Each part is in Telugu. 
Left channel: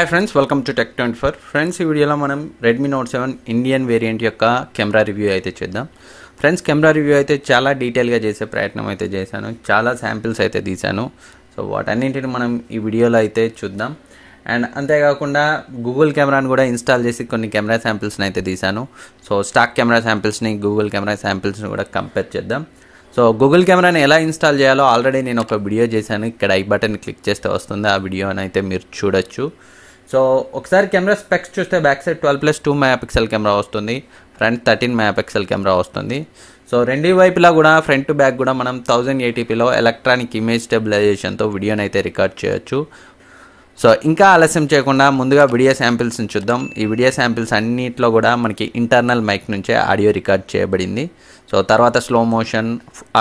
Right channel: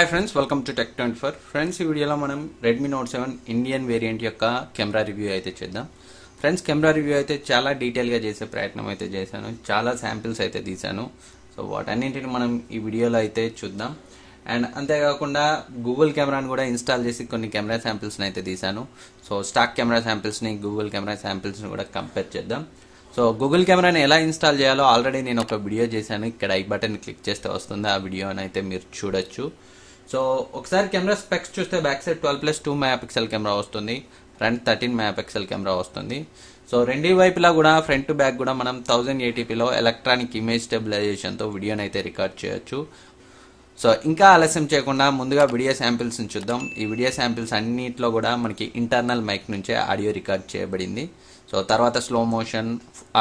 Hi friends, welcome to tech 24. Friends, ఈ వీడియోలో మనం రెడ్మీ నోట్ 7 ఇండియన్ వేరియంట్ యొక్క కెమెరా రివ్యూ అయితే చేద్దాం. ఫ్రెండ్స్, కెమెరా రివ్యూ అయితే చాలా డీటెయిల్గా చేసే ప్రయత్నం అయితే చేశాను. చాలా శాంపిల్స్ అయితే తీశాను. సో వాటన్నింటిని మనం ఈ వీడియోలో అయితే చూద్దాం. అండ్ అంతేకాకుండా గూగుల్ కెమెరాని కూడా ఇన్స్టాల్ చేసి కొన్ని కెమెరా శాంపిల్స్ని అయితే తీశాను. సో స్టాక్ కెమెరా శాంపిల్స్ని గూగుల్ కెమెరా శాంపిల్స్ని కూడా కంపేర్ చేద్దాం. సో గూగుల్ కెమెరాని ఎలా ఇన్స్టాల్ చేయాలో ఆల్రెడీ నేను ఒక వీడియో చేశాను. ఇక్కడ ఐ బటన్ క్లిక్ చేస్తే వస్తుంది, ఆ వీడియోని అయితే మీరు చూడొచ్చు. సో ఒకసారి కెమెరా స్పెక్స్ చూస్తే బ్యాక్ సైడ్ 12+2 మెగాపిక్సెల్ కెమెరా వస్తుంది, ఫ్రంట్ 13 మెగాపిక్సెల్ కెమెరా వస్తుంది. సో రెండు వైపులా కూడా ఫ్రంట్ టు బ్యాక్ కూడా మనం 1080pలో ఎలక్ట్రానిక్ ఇమేజ్ స్టెబిలైజేషన్తో వీడియోని అయితే రికార్డ్ చేయొచ్చు. సో ఇంకా ఆలస్యం చేయకుండా ముందుగా వీడియో శాంపిల్స్ని చూద్దాం. ఈ వీడియో శాంపిల్స్ అన్నింటిలో కూడా మనకి ఇంటర్నల్ మైక్ నుంచే ఆడియో రికార్డ్ చేయబడింది. సో తర్వాత slow motion,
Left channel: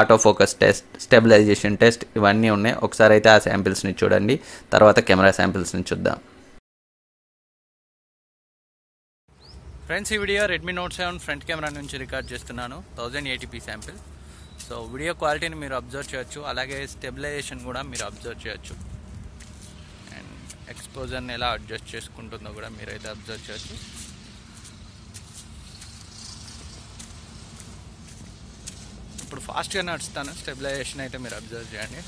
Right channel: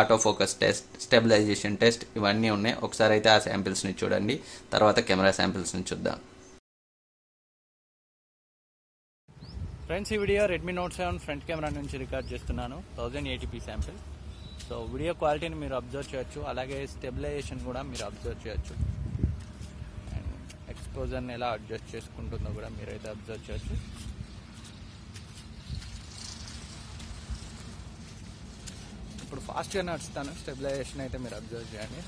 auto focus test, stabilisation test ఇవన్నీ ఉన్నాయి. ఒకసారి అయితే ఆ శాంపిల్స్ని చూడండి, తర్వాత కెమెరా శాంపిల్స్ని చూద్దాం. ఫ్రెండ్స్, ఈ video Redmi note 7 front camera నుంచి రికార్డ్ చేస్తున్నాను, 1080p శాంపిల్. సో వీడియో క్వాలిటీని మీరు అబ్జర్వ్ చేయొచ్చు, అలాగే స్టెబిలైజేషన్ కూడా మీరు అబ్జర్వ్ చేయొచ్చు. అండ్ ఎక్స్పోజర్ని ఎలా అడ్జస్ట్ చేసుకుంటుందో కూడా మీరైతే అబ్జర్వ్ చేయొచ్చు. ఇప్పుడు ఫాస్ట్గా నడుస్తాను, స్టెబిలైజేషన్ అయితే మీరు అబ్జర్వ్ చేయండి.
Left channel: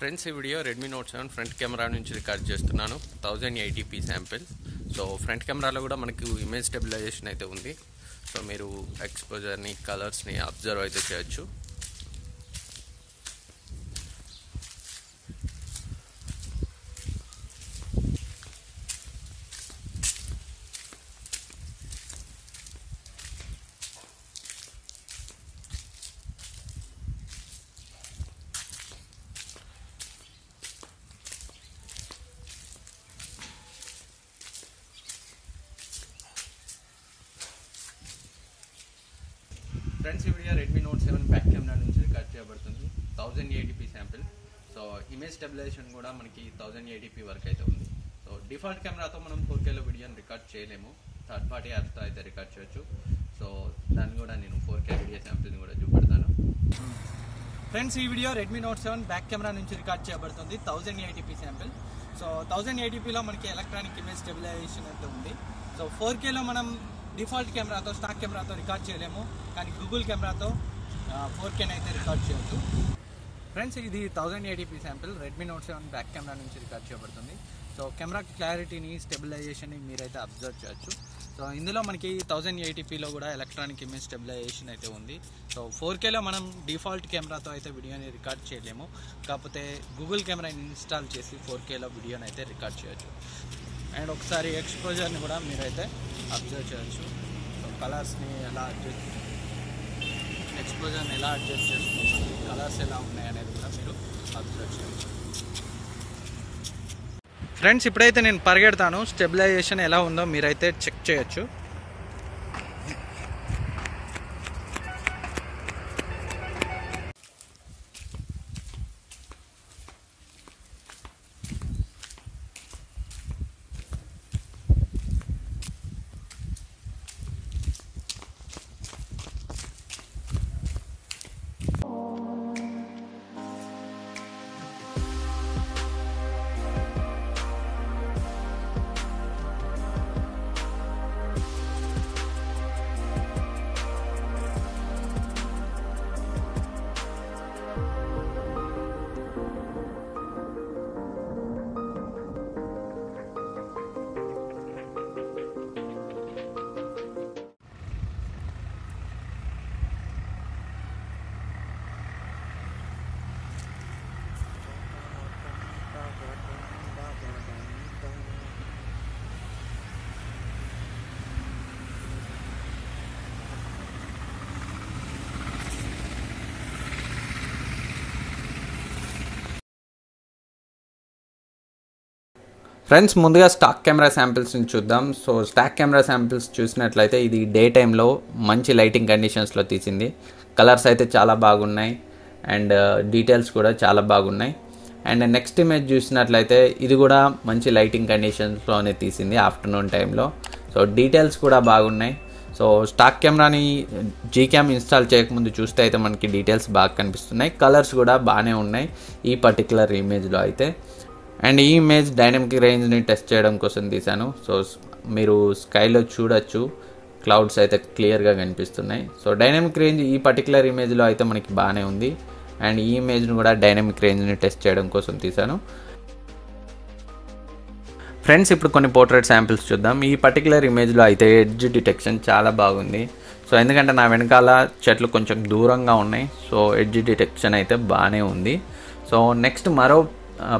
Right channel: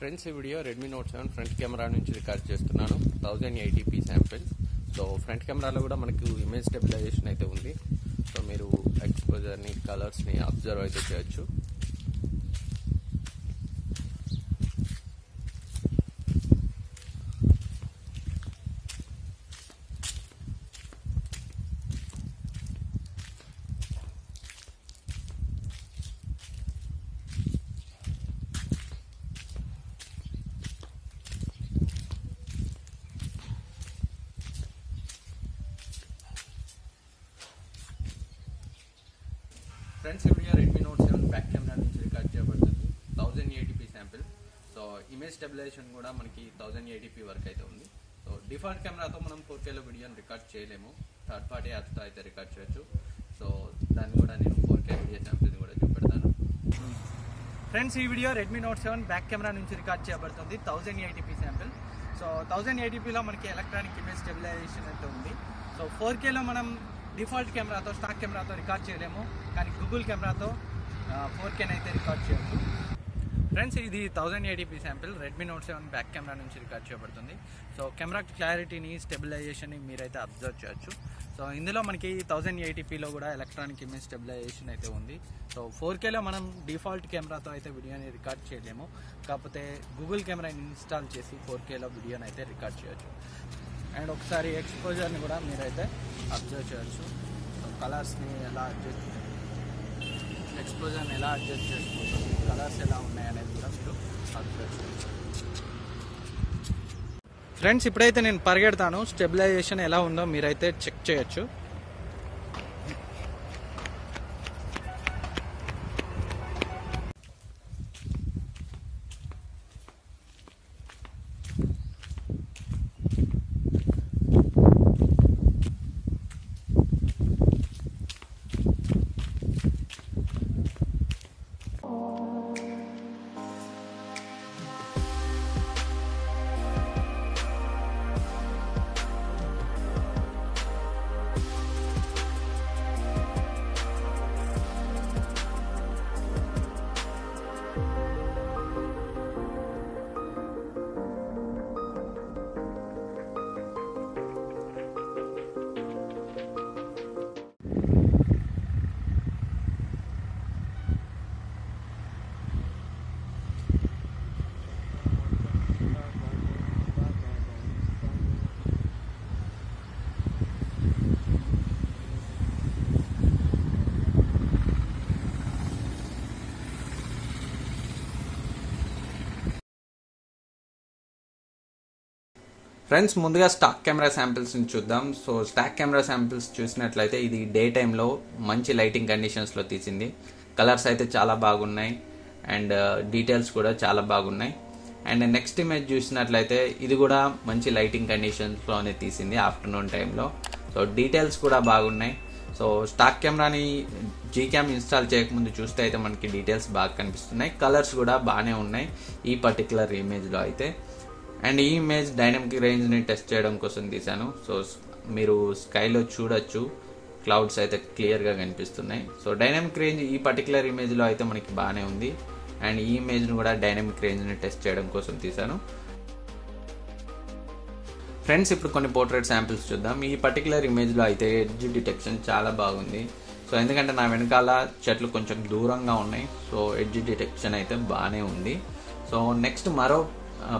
ఫ్రెండ్స్, ఈ video Redmi note 7 front camera నుంచి రికార్డ్ చేస్తున్నాను, 1080p శాంపిల్. సో ఫ్రంట్ కెమెరాలో కూడా మనకు ఇమేజ్ స్టెబిలైజేషన్ అయితే ఉంది. సో మీరు ఎక్స్పోజర్ని, కలర్స్ని అబ్జర్వ్ అయితే చేయొచ్చు. ఫ్రెండ్స్, ఈ video Redmi note 7 back camera నుంచి రికార్డ్ చేయబడుతుంది, 1080p sample. So image stabilisation కూడా మనకి 1080p వరకు అయితే ఉంది. సో డిఫాల్ట్ కెమెరాతో మనం 4Kలో వీడియోని రికార్డ్ చేయలేము, థర్డ్ పార్టీ యాప్స్తో అయితే రికార్డ్ చేయొచ్చు. సో దాన్ని కూడా నేను 4K వీడియో శాంపిల్ని కూడా చూపెడతాను. ఫ్రెండ్స్, ఈ video Redmi note 7 back camera నుంచి రికార్డ్ చేయబడుతుంది, 1080p శాంపిల్. సో 1080pలో మనకి ఎలక్ట్రానిక్ ఇమేజ్ స్టెబిలైజేషన్ అయితే ఉంది. సో 4Kలో మనం డిఫాల్ట్ కెమెరాతో, స్టాక్ కెమెరాతో రికార్డ్ చేయలేము, కానీ గూగుల్ కెమెరాతో 4K అయితే రికార్డ్ చేయొచ్చు. ఫ్రెండ్స్, ఇది 1080p sample Redmi note 7 back camera నుంచి రికార్డ్ చేయబడుతుంది. సో కెమెరా క్లారిటీని, స్టెబిలైజేషన్ని మీరైతే అబ్జర్వ్ చేయొచ్చు. సో ఇందులో మనకి 1080pలో కూడా ఎలక్ట్రానిక్ ఇమేజ్ స్టెబిలైజేషన్ అయితే ఉంది. సో 4Kలో మనం డిఫాల్ట్ కెమెరాతో అయితే వీడియోని రికార్డ్ చేయలేము, కాకపోతే గూగుల్ కెమెరాని ఇన్స్టాల్ చేసి 4Kలో వీడియోని అయితే రికార్డ్ చేయొచ్చు. అండ్ ఒకసారి ఎక్స్పోజర్ని కూడా మీరైతే అబ్జర్వ్ చేయొచ్చు. సో కలర్స్ని ఎలా అడ్జస్ట్, ఎక్స్పోజర్ని ఎలా అడ్జస్ట్ చేసుకుంటాం, కలర్స్ ఎలా ఉన్నాయి అనేది కూడా మీరు అబ్జర్వ్ చేయొచ్చు. ఫ్రెండ్స్, ఇప్పుడైతే నేను పరిగెడతాను, స్టెబిలైజేషన్ ఎలా ఉందో మీరైతే చెక్ చేయొచ్చు. ఫ్రెండ్స్, ముందుగా స్టాక్ కెమెరా శాంపిల్స్ని చూద్దాం. సో స్టాక్ కెమెరా శాంపిల్స్ చూసినట్లయితే ఇది డే టైంలో మంచి లైటింగ్ కండిషన్స్లో తీసింది. కలర్స్ అయితే చాలా బాగున్నాయి అండ్ డీటెయిల్స్ కూడా చాలా బాగున్నాయి. అండ్ నెక్స్ట్ ఇమేజ్ చూసినట్లయితే ఇది కూడా మంచి లైటింగ్ కండిషన్స్లోనే తీసింది ఆఫ్టర్నూన్ టైంలో. సో డీటెయిల్స్ కూడా బాగున్నాయి. సో స్టాక్ కెమెరాని జీక్యామ్ ఇన్స్టాల్ చేయకముందు చూస్తే అయితే మనకి డీటెయిల్స్ బాగా కనిపిస్తున్నాయి, కలర్స్ కూడా బాగానే ఉన్నాయి ఈ పర్టికులర్ ఇమేజ్లో అయితే. అండ్ ఈ ఇమేజ్ డైనమిక్ రేంజ్ని టెస్ట్ చేయడం కోసం తీశాను. సో మీరు స్కైలో చూడొచ్చు, క్లౌడ్స్ అయితే క్లియర్గా కనిపిస్తున్నాయి. సో డైనమిక్ రేంజ్ ఈ పర్టికులర్ ఇమేజ్లో అయితే మనకి బాగానే ఉంది. అండ్ ఈ ఇమేజ్ని కూడా డైనమిక్ రేంజ్ని టెస్ట్ చేయడం కోసం తీశాను. ఫ్రెండ్స్, ఇప్పుడు కొన్ని పోర్ట్రేట్ శాంపిల్స్ చూద్దాం. ఈ పర్టికులర్ ఇమేజ్లో అయితే ఎడ్జ్ డిటెక్షన్ చాలా బాగుంది. సో ఎందుకంటే నా వెనకాల చెట్లు కొంచెం దూరంగా ఉన్నాయి, సో ఎడ్జ్ డిటెక్షన్ అయితే బాగానే ఉంది. సో నెక్స్ట్ మరో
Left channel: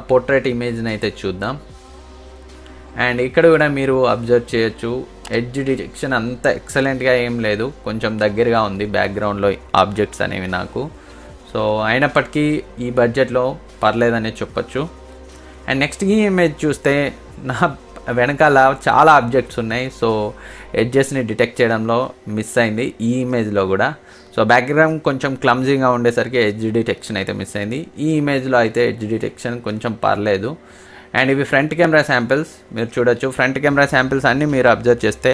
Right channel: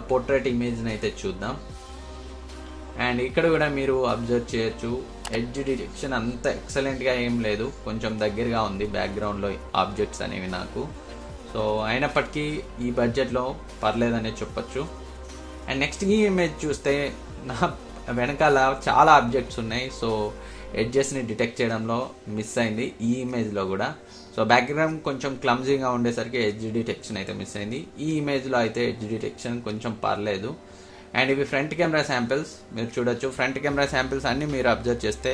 పోర్ట్రేట్ ఇమేజ్ని అయితే చూద్దాం. అండ్ ఇక్కడ కూడా మీరు అబ్జర్వ్ చేయొచ్చు, ఎడ్జ్ డిటెక్షన్ అంత ఎక్సలెంట్గా ఏం లేదు, కొంచెం దగ్గరగా ఉంది బ్యాక్గ్రౌండ్లో ఆబ్జెక్ట్స్ అనేవి నాకు. సో అయినప్పటికీ ఈ బడ్జెట్లో పర్లేదనే చెప్పొచ్చు. అండ్ నెక్స్ట్ ఈ ఇమేజ్ చూస్తే నా వెనకాల చాలా ఆబ్జెక్ట్స్ ఉన్నాయి, సో ఎడ్జెస్ని డిటెక్ట్ చేయడంలో మిస్ అయింది ఈ ఇమేజ్లో కూడా. సో బ్యాక్గ్రౌండ్ కొంచెం క్లమ్జీగా ఉండేసరికి ఎడ్జ్ డిటెక్షన్ అయితే మిస్ అయింది. ఈ ఇమేజ్లో అయితే ఎడ్జ్ డిటెక్షన్ కొంచెం పర్లేదు. అండ్ ఇవి ఫ్రంట్ కెమెరా శాంపిల్స్, మీరు చూడొచ్చు. ఫ్రంట్ కెమెరా శాంపిల్స్ అన్నీ మీరు అబ్జర్వ్ చేస్తే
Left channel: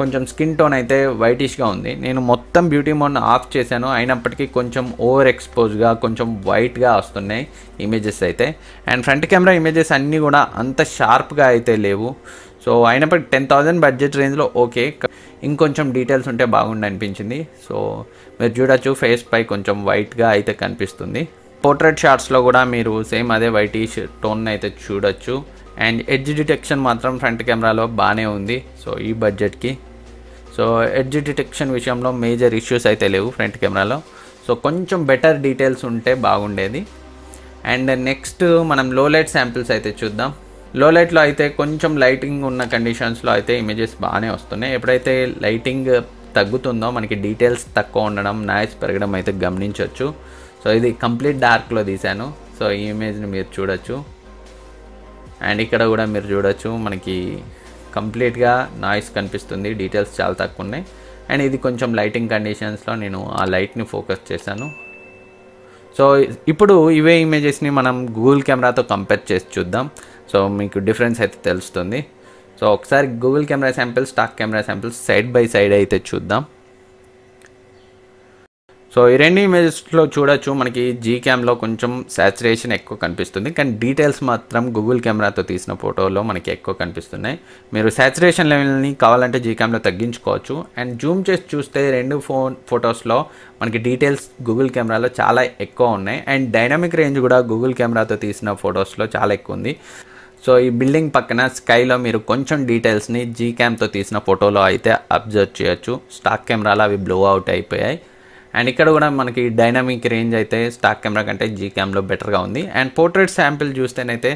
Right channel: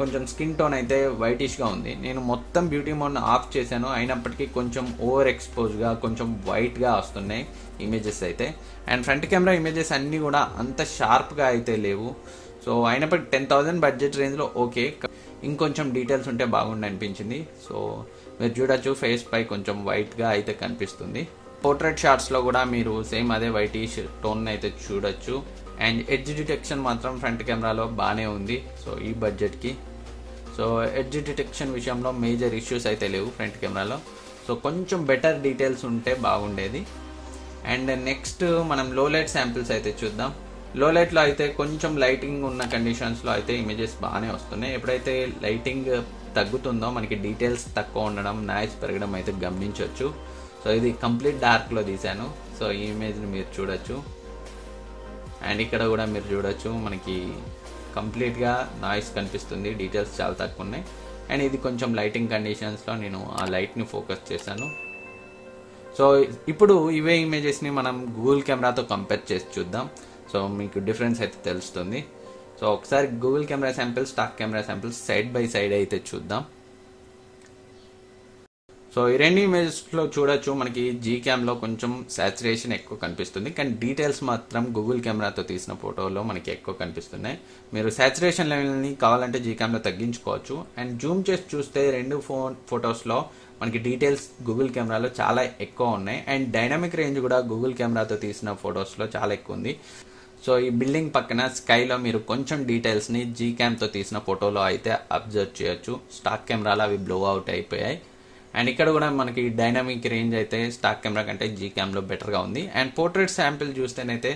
కొంచెం స్కిన్ టోన్ అయితే వైటిష్గా ఉంది. నేను మొత్తం బ్యూటీ మోడ్ని ఆఫ్ చేశాను, అయినప్పటికీ కొంచెం ఓవర్ ఎక్స్పోజ్గా కొంచెం వైట్గా వస్తున్నాయి ఇమేజెస్ అయితే. అండ్ ఫ్రంట్ కెమెరా ఇమేజెస్ అన్నీ కూడా అంత షార్ప్గా అయితే లేవు. సో అయినప్పటికీ 10,000 బడ్జెట్ రేంజ్లో ఓకే, ఇంకొంచెం డీటెయిల్స్ ఉంటే బాగుండి అనిపించింది. సో మీరు చూడొచ్చు, ఫేస్ పై కొంచెం వైట్గా అయితే కనిపిస్తుంది. పోర్ట్రేట్ షాట్స్లో కూడా మీరు సేమ్ అదే వైటిష్ టోన్ అయితే చూడొచ్చు. అండ్ ఎడ్జ్ డిటెక్షన్ మాత్రం ఫ్రంట్ కెమెరాలో బాగానే ఉంది సో ఈ బడ్జెట్కి. సో ఎడ్జ్ డిటెక్షన్ విషయంలో మేజర్ ఇష్యూస్ అయితే లేవు ఫ్రంట్ కెమెరాలో. సో కొంచెం బెటర్ డీటెయిల్స్ ఉంటే బాగుండేది. అండ్ నెక్స్ట్ మనం లో లైట్ శాంపిల్స్ అయితే చూద్దాం. లో లైట్లో అయితే కొంచెం లైటింగ్ ఉన్న కండిషన్స్లో అయితే ఇమేజెస్ బాగానే వస్తున్నాయి. ఎప్పుడైతే లైటింగ్ తగ్గుతుందో మనకి డీటెయిల్స్ తక్కువ ఉండడం, నాయిస్ పెరగడం అయితే గమనించవచ్చు. సో ఇది కంప్లీట్ డార్క్లో తీశాను. సో ఈ ఇమేజ్ని మీరు చూడొచ్చు. అండ్ ఇక్కడ కూడా మీరు చూడొచ్చు, మనకి కంప్లీట్గా నాయిస్ కనిపిస్తుంది, డీటెయిల్స్ చాలా తక్కువ ఉన్నాయి. అండ్ ఇది కొంచెం లైటింగ్ కండిషన్స్లో నేను ఆ లైట్ని ఫోకస్ చేశాను. సో ఇప్పుడు ఇవే ఇమేజెస్ని మనం గూగుల్ కెమెరాతో కంపేర్ చేసి చూద్దాం. సో మీకు డిఫరెన్స్ అయితే తెలుస్తుంది. సో ఒకసారి Google camera samples, stock camera samples side by side అయితే చూద్దాం. సో ఈ రెండు ఇమేజెస్లో చూడొచ్చు, మనకి జీక్యామ్లో కొంచెం సాచురేషన్ ఎక్కువ కనిపిస్తుంది, కానీ డీటెయిల్స్ మాత్రం గూగుల్ కెమెరాతో తీసిన ఫోటోలో మనకి ఎక్కువ కనిపిస్తున్నాయి. మీరు సాచురేషన్ లెవెల్ని కావాలంటే జీక్యామ్లో తగ్గించుకోవచ్చు. అండ్ జూమ్ చేసి చూస్తే రెండు ఫొటోస్లో మనకి డీటెయిల్స్ గూగుల్ కెమెరాలో చాలా ఎక్కువ ఉన్నాయి. అండ్ డైనమిక్ రేంజ్ కూడా గూగుల్ కెమెరాతో తీసిన ఫొటోస్లో చాలా ఎక్కువ ఉంది. సో ఈ బిల్డింగ్ పక్కన స్కైలో మీరు కొంచెం డీటెయిల్స్ని జీక్యామ్తో తీసిన ఫోటోలో అయితే అబ్జర్వ్ చేయొచ్చు. స్టాక్ కెమెరాలో అవి బ్లో అవుట్ అయిపోయాయి. అండ్ ఇక్కడ కూడా మనకి డైనమిక్ రేంజ్ అయితే స్టాక్ కెమెరా కంటే జీక్యామ్లో బెటర్గా ఉంది. అండ్ పోర్ట్రేట్ శాంపిల్ చూస్తేనైతే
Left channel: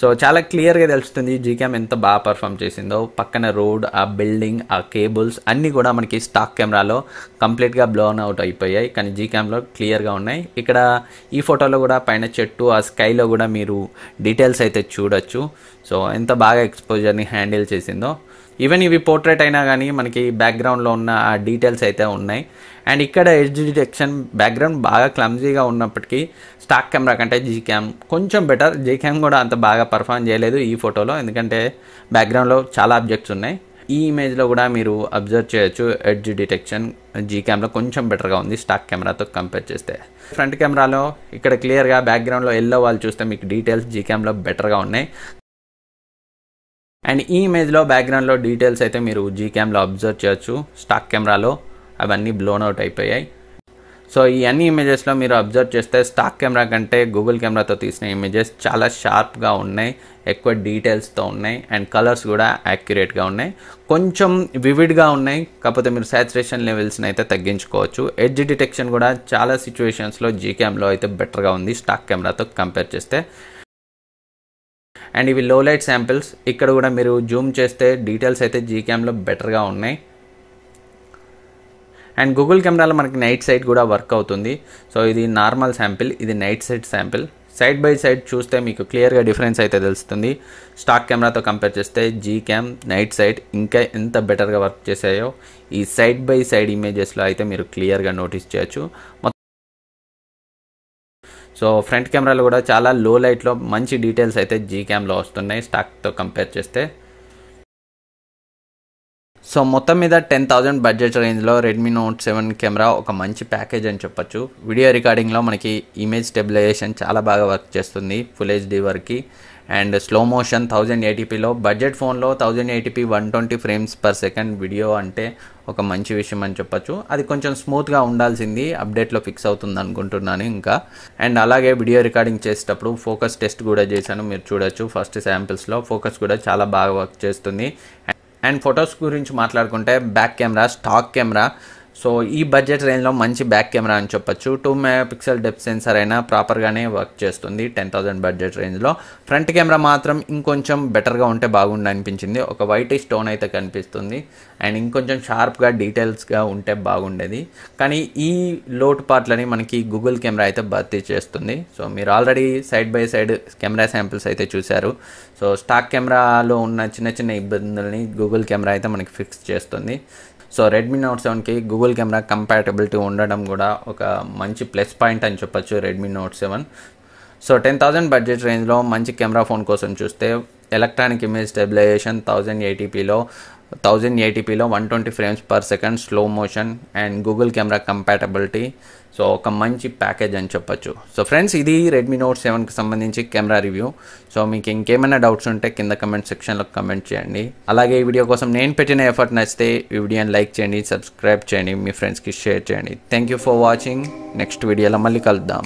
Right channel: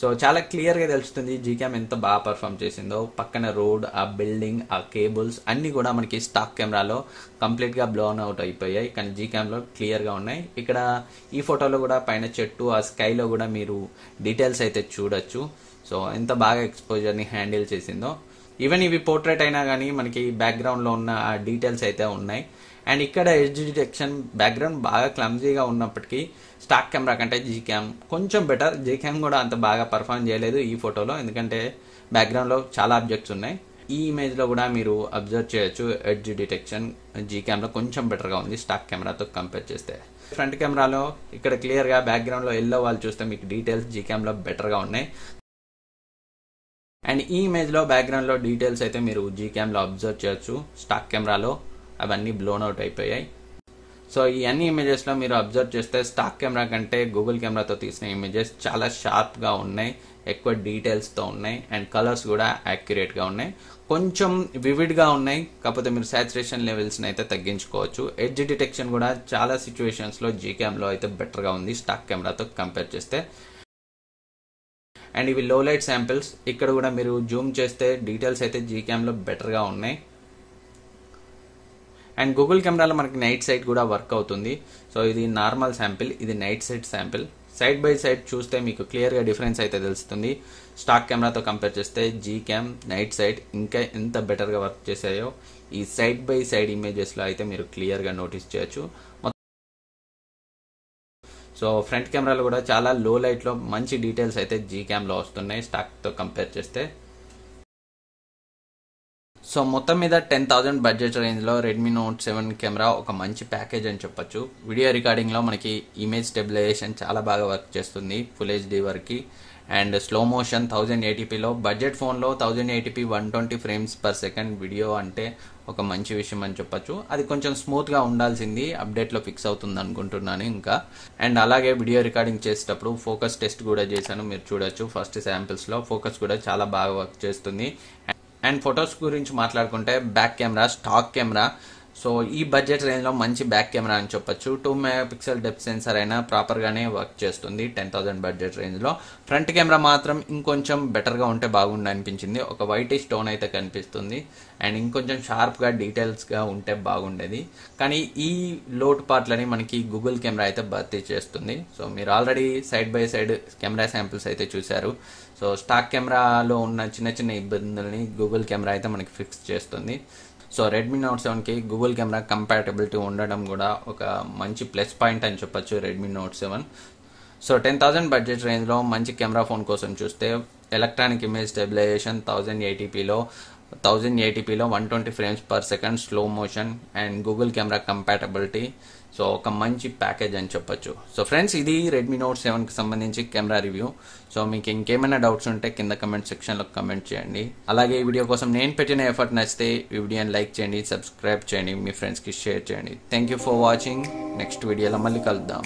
సో చాలా క్లియర్గా తెలుస్తుంది జీక్యామ్ ఎంత బాగా పర్ఫామ్ చేసిందో. పక్కన రోడ్, ఆ బిల్డింగ్, ఆ కేబుల్స్ అన్నీ కూడా మనకి స్టాక్ కెమెరాలో కంప్లీట్గా బ్లోన్ అవుట్ అయిపోయాయి, కానీ జీక్యామ్లో క్లియర్గా ఉన్నాయి. ఇక్కడ ఈ ఫోటోలో కూడా పైన చెట్టు, ఆ స్కైలో కూడా మీరు డీటెయిల్స్ అయితే చూడొచ్చు. సో ఎంత బాగా ఎక్స్పోజర్ని హ్యాండిల్ చేసిందో. ఈవెన్ ఇవి పోర్ట్రేట్ అయినా కానీ మనకి బ్యాక్గ్రౌండ్లో ఉన్న ఆ డీటెయిల్స్ అయితే ఉన్నాయి. అండ్ ఇక్కడ ఎడ్జ్ డిటెక్షన్ బ్యాక్గ్రౌండ్ బాగా క్లమ్జీగా ఉన్నప్పటికీ స్టాక్ కెమెరా కంటే జీక్యామ్ కొంచెం బెటర్. జీక్యామ్ కూడా అంత బాగా పర్ఫామ్ చేయలేదు ఈ ఫోటోలో, ఎందుకంటే బ్యాక్గ్రౌండ్లో చాలా ఆబ్జెక్ట్స్ ఉన్నాయి. ఈ ఇమేజ్లో కూడా మీరు అబ్జర్వ్ చేయొచ్చు, ఎడ్జ్ డిటెక్షన్ జీక్యామ్లో కొంచెం బెటర్గా ఉంది స్టాక్ కెమెరాతో కంపేర్ చేస్తే. ఫ్రంట్ కెమెరాలో ఇక్కడ క్లియర్గా బ్యాక్గ్రౌండ్లో ఎల్లో వాళ్ళు చూస్తే మీకు డీటెయిల్స్ జీక్యామ్లో బెటర్గా ఉన్నాయి. అండ్ ఈ ఇమేజ్లో బ్యాక్గ్రౌండ్లో డీటెయిల్స్ అయితే మీరు జీక్యామ్లో అబ్జర్వ్ చేయొచ్చు, స్టాక్ కెమెరాలో అవన్నీ బ్లోన్ అవుట్ అయిపోయాయి. సో ఈ అన్ని ఇమేజెస్లో మీరు అబ్జర్వ్ చేస్తే స్టాక్ కెమెరా కంటే గూగుల్ కెమెరాతో తీసిన ఇమేజెస్ చాలా షార్ప్గా ఉన్నాయి, ఎక్కువ డీటెయిల్స్తో ఉన్నాయి. అండ్ కలర్స్ కూడా యాక్యురేట్గా ఉన్నాయి, కొంచెం వివిడ్గా ఉన్నాయి. కాకపోతే మీరు సాచురేషన్ లెవెల్స్ని అయితే తగ్గించుకోవచ్చు. ఎడ్జ్ డిటెక్షన్ కూడా చాలా సిచ్యువేషన్స్లో జీక్యామ్లో అయితే బెటర్గా ఉంది స్టాక్ కెమెరాతో కంపేర్ చేస్తే. అండ్ ఇవి లో లైట్ శాంపిల్స్. ఇక్కడ కూడా మీరు జూమ్ చేస్తే డీటెయిల్స్ అయితే జీక్యామ్లో బెటర్గా ఉన్నాయి. అండ్ గూగుల్ కెమెరాలో మనకి నైట్ సైడ్ కూడా వర్క్ అవుతుంది. సో ఇది నార్మల్ శాంపిల్, ఇది night side sample. Side by side చూస్తే మీకు క్లియర్గా డిఫరెన్స్ అయితే తెలుస్తుంది. స్టాక్ కెమెరాతో కంపేర్ చేస్తే జీక్యామ్, నైట్ సైడ్ ఇంకా ఎంత బెటర్గా వర్క్ చేసాయో ఈ సైడ్ బై సైడ్ ఇమేజెస్లో అయితే మీరు క్లియర్గా నోటీస్ చేయొచ్చు. సో ఫ్రంట్ కెమెరాలో కూడా చాలా లో లైట్లో మంచి డీటెయిల్స్ అయితే జీక్యామ్లో వస్తున్నాయి స్టాక్తో కంపేర్ చేస్తే. సో మొత్తం మీద 10,000 బడ్జెట్ రేంజ్లో రెడ్మీ నోట్ 7 కెమెరా ఒక మంచి ప్యాకేజ్ అని చెప్పొచ్చు. వీడియో రికార్డింగ్లో మనకి ఇమేజ్ స్టెబిలైజేషన్ చాలా బాగా వర్క్ చేస్తుంది ఫుల్ హెచ్డి వరకు. అండ్ స్లో మోషన్ 1080pలో బడ్జెట్ ఫోన్లో 1080p 120 frames per second video అంటే ఒక మంచి విషయం అని చెప్పొచ్చు. అది కొంచెం స్మూత్గా ఉండాల్సింది, అప్డేట్లో ఫిక్స్ అవుతుంది అనుకుంటున్నాను ఇంకా. అండ్ అలాగే వీడియో రికార్డింగ్ చేసేటప్పుడు ఫోకస్ టెస్ట్ కూడా చేశాను, మీరు చూడొచ్చు. ఫస్ట్ శాంపిల్స్లో ఫోకస్ కూడా చాలా బాగా వర్క్ చేస్తుంది. అండ్ ఫొటోస్ గురించి మాట్లాడుకుంటే back camera stock camera. So ఈ బడ్జెట్ రేంజ్లో మంచి బ్యాక్ కెమెరా అని చెప్పొచ్చు. 2 MP డెప్త్ సెన్సర్ అయినా ప్రాపర్గానే వర్క్ చేస్తుంది 10,000 బడ్జెట్ రేంజ్లో. ఫ్రంట్ కెమెరా మాత్రం ఇంకొంచెం బెటర్గా ఉంటే బాగుండు అనిపించింది. ఒక వైటిష్ టోన్ అయితే కనిపిస్తుంది అండ్ ఇంకొంచెం షార్ప్గా డీటెయిల్స్గా ఉంటే బాగుండేది. కానీ ఈ లోటు పార్ట్లని మనకి గూగుల్ కెమెరా అయితే భర్తీ చేస్తుంది. సో మీరు already side by side camera samples అయితే చూశారు. సో స్టాక్ కెమెరాలో ఉన్న చిన్న చిన్న ఇబ్బందుల్ని గూగుల్ కెమెరా అయితే మనకి ఫిక్స్ చేస్తుంది. సో రెడ్మీ నోట్ 7కి గూగుల్ కెమెరా కంపాటబిలిటీ ఉండడం కూడా ఒక మంచి ప్లస్ పాయింట్ అని చెప్పొచ్చు రెడ్మీ నోట్ 7. సో 10,000 బడ్జెట్ రేంజ్లో మంచి కెమెరా ఫోన్ కోసం చూస్తే ఎలక్ట్రానిక్ ఇమేజ్ స్టెబిలైజేషన్ 1080pలో 120 frames per second slow motion and Google camera compatibility. So ఒక మంచి ప్యాకేజ్ అని చెప్పొచ్చు. సో ఫ్రెండ్స్, ఇది రెడ్మీ నోట్ 7కి సంబంధించి కెమెరా రివ్యూ. సో మీకు ఇంకేమైనా డౌట్స్ ఉంటే కింద కమెంట్ సెక్షన్లో కమెంట్ చేయండి. అలాగే ఈ వీడియో కోసం నేను పెట్టిన ఎఫర్ట్ నచ్చితే ఈ వీడియోని లైక్ చేయండి, సబ్స్క్రైబ్ చేయండి, మీ ఫ్రెండ్స్కి షేర్ చేయండి. Thank you for watching. Next వీడియోలో మళ్ళీ కలుద్దాం.